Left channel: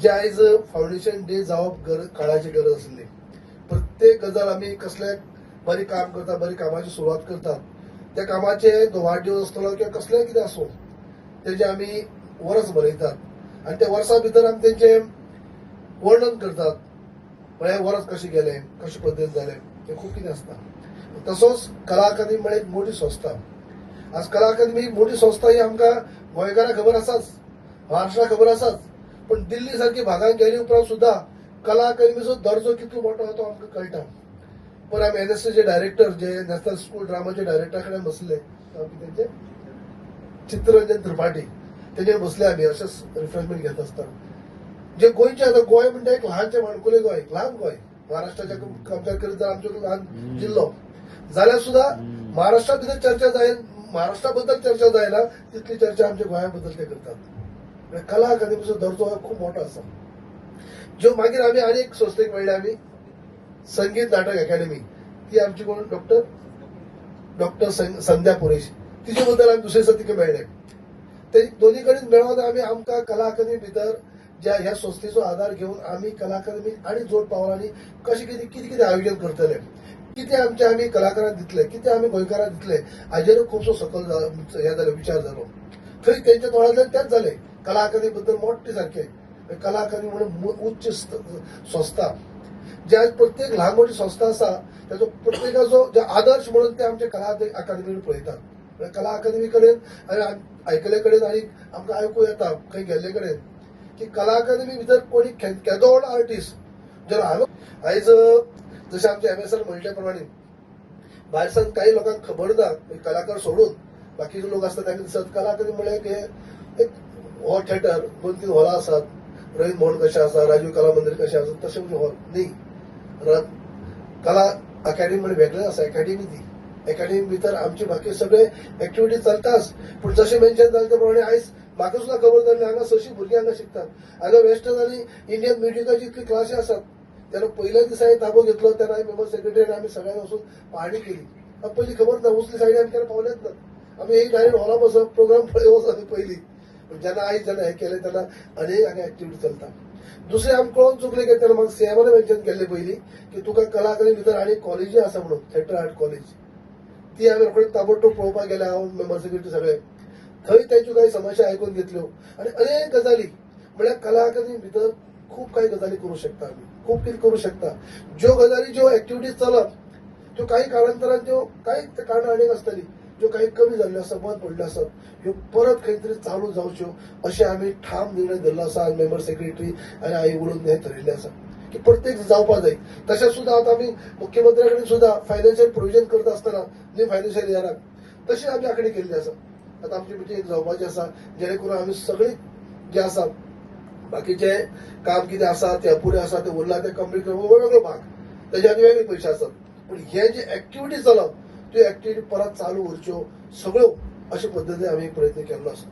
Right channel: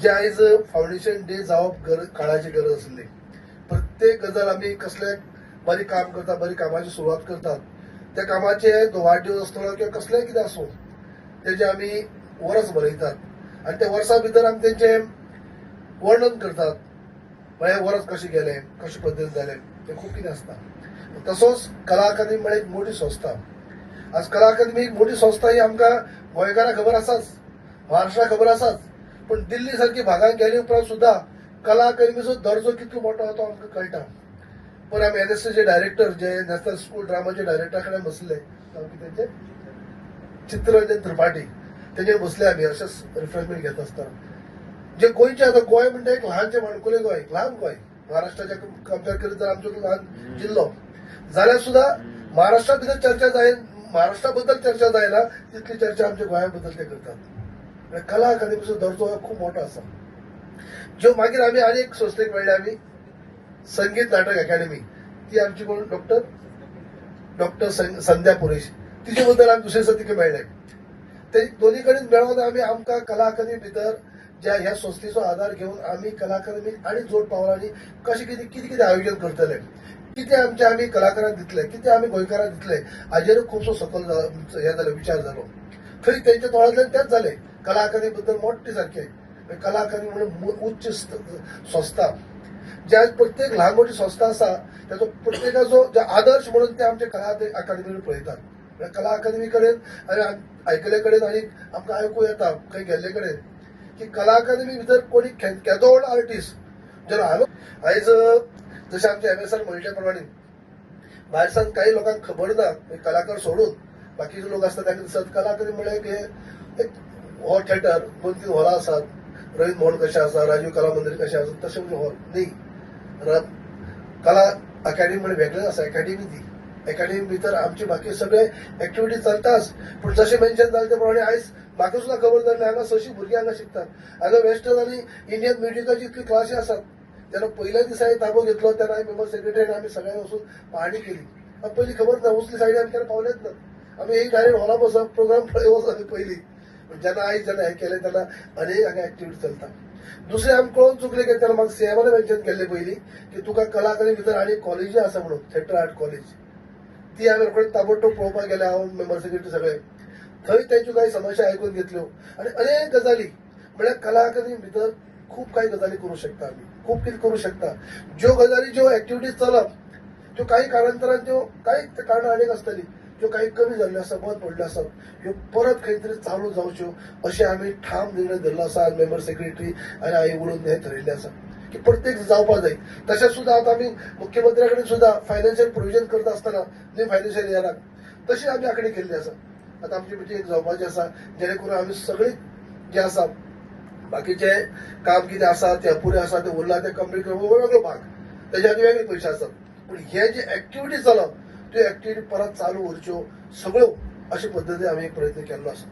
जे आयज foundation day जावप काळाची गरज आसली. प्रत्येक गजाल आमी कसले बरें काम करता, बरी कामाची सुरवात करतात. त्या कामाचे वाडदिवस आसतलो किंवा कसलेंय कितें आसूं तेजे आमी वर्स बरयतात आनी त्या वर्सा भितर आमी तेंचें वर्णन करतात. म्हळ्यार वर्स कशें गेलें, कशे पद्दतीन जालें, तें खूब कितें आसता. तसोच कला अकादमी म्हळ्यार एक मोठी संस्था. आज कला अकादमी एक मोठी संस्था ही आमकां गोंयकारांक खबर आसाच, महाराष्ट्राक खबर आसाच. पण दिल्ली सारकी भागांत गेले उपरांत सुद्धा कला अकादमीचो दर्जो कितलो मोठो आसा तो आमकां कळटा. पण आमी एनएसएसचे डायरेक्टर जे नॅशनल स्कूल ड्रामाचे डायरेक्टरा कडेन बसले, तेंचे चित्तरंजन त्रिपाठी तेजेर बसले आमी अशेंच रिफ्रेशमेंट घेत आसतना. जे गोंयचे आतां गोंय म्हणजे एक ल्हानशें माणकुलें गोंय, ल्हान गोंय महाराष्ट्राच्या कंपेर करीत जाल्यार आमचो ल्हान जिल्लो जाल्यार सुद्धा महाराष्ट्रा भितर चर्चा जाय, महाराष्ट्रा बद्दल चर्चा जायना तितली चर्चा आमच्या गोंया बद्दल ते करतात. कला अकादमीचो दर्जो हो खूब मोठो आसा. ज्यो मागीर आमी आनी एक संस्थेक मेळ्ळे आमी संगीत नाटक अकॅडमी. ती आमची कोण डॉक्टर संध्या पुरेश, तिचे बद्दल आमी दुसरे दिसा तिका मेळ्ळे. ते दोन्ही कडेन मेळोन आमी आमकां कला अकादमी भितर ज्या ह्या संस्थेचो आधार घेवन आमी कला अकादमी आनी जोड पावलांनी कशें कितें कितें कितें आयोजन करतले, कितें आमचे आमी कलाकारांक दितले, कितें आमी गोंयकारांक दितले, हाजेर खुबसो सकल हे जालो विचार जालो. थंय तेंच्या तोळांतल्यान तेंच जालें. कला अकादमी बद्दल मोठे सारकें कला अकादमी म्हणून उच्च संस्था जे आज प्रत्येक ल्हान मोठी संस्था आसा त्याचो प्रत्येकाचो जे आदर्श म्हणून ते आमचे कला अकादमीर पळयतात. कला अकादमी कडेन आनी आयकले कडेन आनी आमकां आयकूं येता खंय गेल्ले कडेन की कला अकादमी भितर कोणी केदोळ आर्टिस्ट जे आयज जशें आमचे एमएसएल म्हणले प्रमाणे भायर सावन काही लोकांक खबर ना, कलाकार सोडून बाकीचे लोक आसतात तांकां दिसता कला अकादमी म्हळ्यार एक हॉल थिएटर 2-3 हॉलां आसात. रवींद्र भवन कशें आसा, राजीव कला मंदिर कशें आसा तशें म्हणजे हॉल न्ही. कला अकॅडमी म्हणजे वेगळें आसा. अकॅडमी ती अकॅडमी भितर आमचे बाकी सगळे एक्टिविटी चलताच. पूण जशें मेन्शन जालें ते प्रमाणे आयज म्हाका सुद्धा खबर जाल्लें हांगा 600 भुरगीं हांगा शिकतात. हांगा वेस्टर्न आनी इंडियन म्युजिकाची इतली क्लासी आसात. तेन्ना पयल्या दिसा ताबो घेतलो तेन्ना मेंबर सेक्रेटरी आमी सगळ्यांनी वचून पाहणी केली. पयलीं खबर ना, उसली सायडी आमी केन्ना पावलेच ना. आमी एक डायरेक्ट हॉला बसप प्रोग्राम वचप पयलीं. जेन्ना आयज जेन्ना हें केलें तेन्ना अनेक हांगा एक्टिविटी चलता. दुसरें आमी कळोवन चुकले की तेन्ना म्हाका सीएमान मेन्शन केल्लें पयलीं की तुका कला अकादमी भितर आनी कॉलेजी आसा म्हणून थिएटर आर्ट कॉलेज. ती आमी रोखडीच ताबडतोब पळोवपाक गेले, हांव मेंबर सेक्रेटरी सगळे. थंय तेंच्यो काही समस्या आयकून घेतल्यो आनी अनेक गजाली म्हळ्यार कला अकादमी भितर खूब काही गजाली करूं शकता आमी, खूब कितें करूं शकता. ज्यो गजाली ज्यो एक्टिविटीज चलप त्यो काही काळांतरान त्यो काही कारणां अनेक आसतलीं ज्यो काही कमी जाल्ल्यो आसा, बंद पडल्यो आसात, ह्यो परत खंय तरी चालू जावच्यो अशें आमी ठाम निर्णय धरलो आसा. मेंबर सेक्रेटरी आनी हांवें उलोवन हें ठरयिल्लें आसा की प्रत्येक जावपाक जाय. तशें सुद्दां आतां आमी मुख्यमंत्र्या कडेन सुद्दां फायनान्शियल प्रोविजन करता आसतना न्यू फायनान्शियल इयराक तशी आमी आंखणी केल्ली आसा. आतां आमची मिटींग जावपाची आसा जेणे करून आमी सगळीं जे आसा बाकीचे काम कितें आसा ते अपुरे आसा ते उरला ते कंप्लीट करप वेगळो भाग, तेजे आनी वेगळे पयशे आसात. पूण हे जे एक्टिविटी चलप त्यो एक्टिविटी परत चालू उरच्यो सगळ्यो अशे पद्दतीन आमी एक प्रयत्न केल्लो आसा.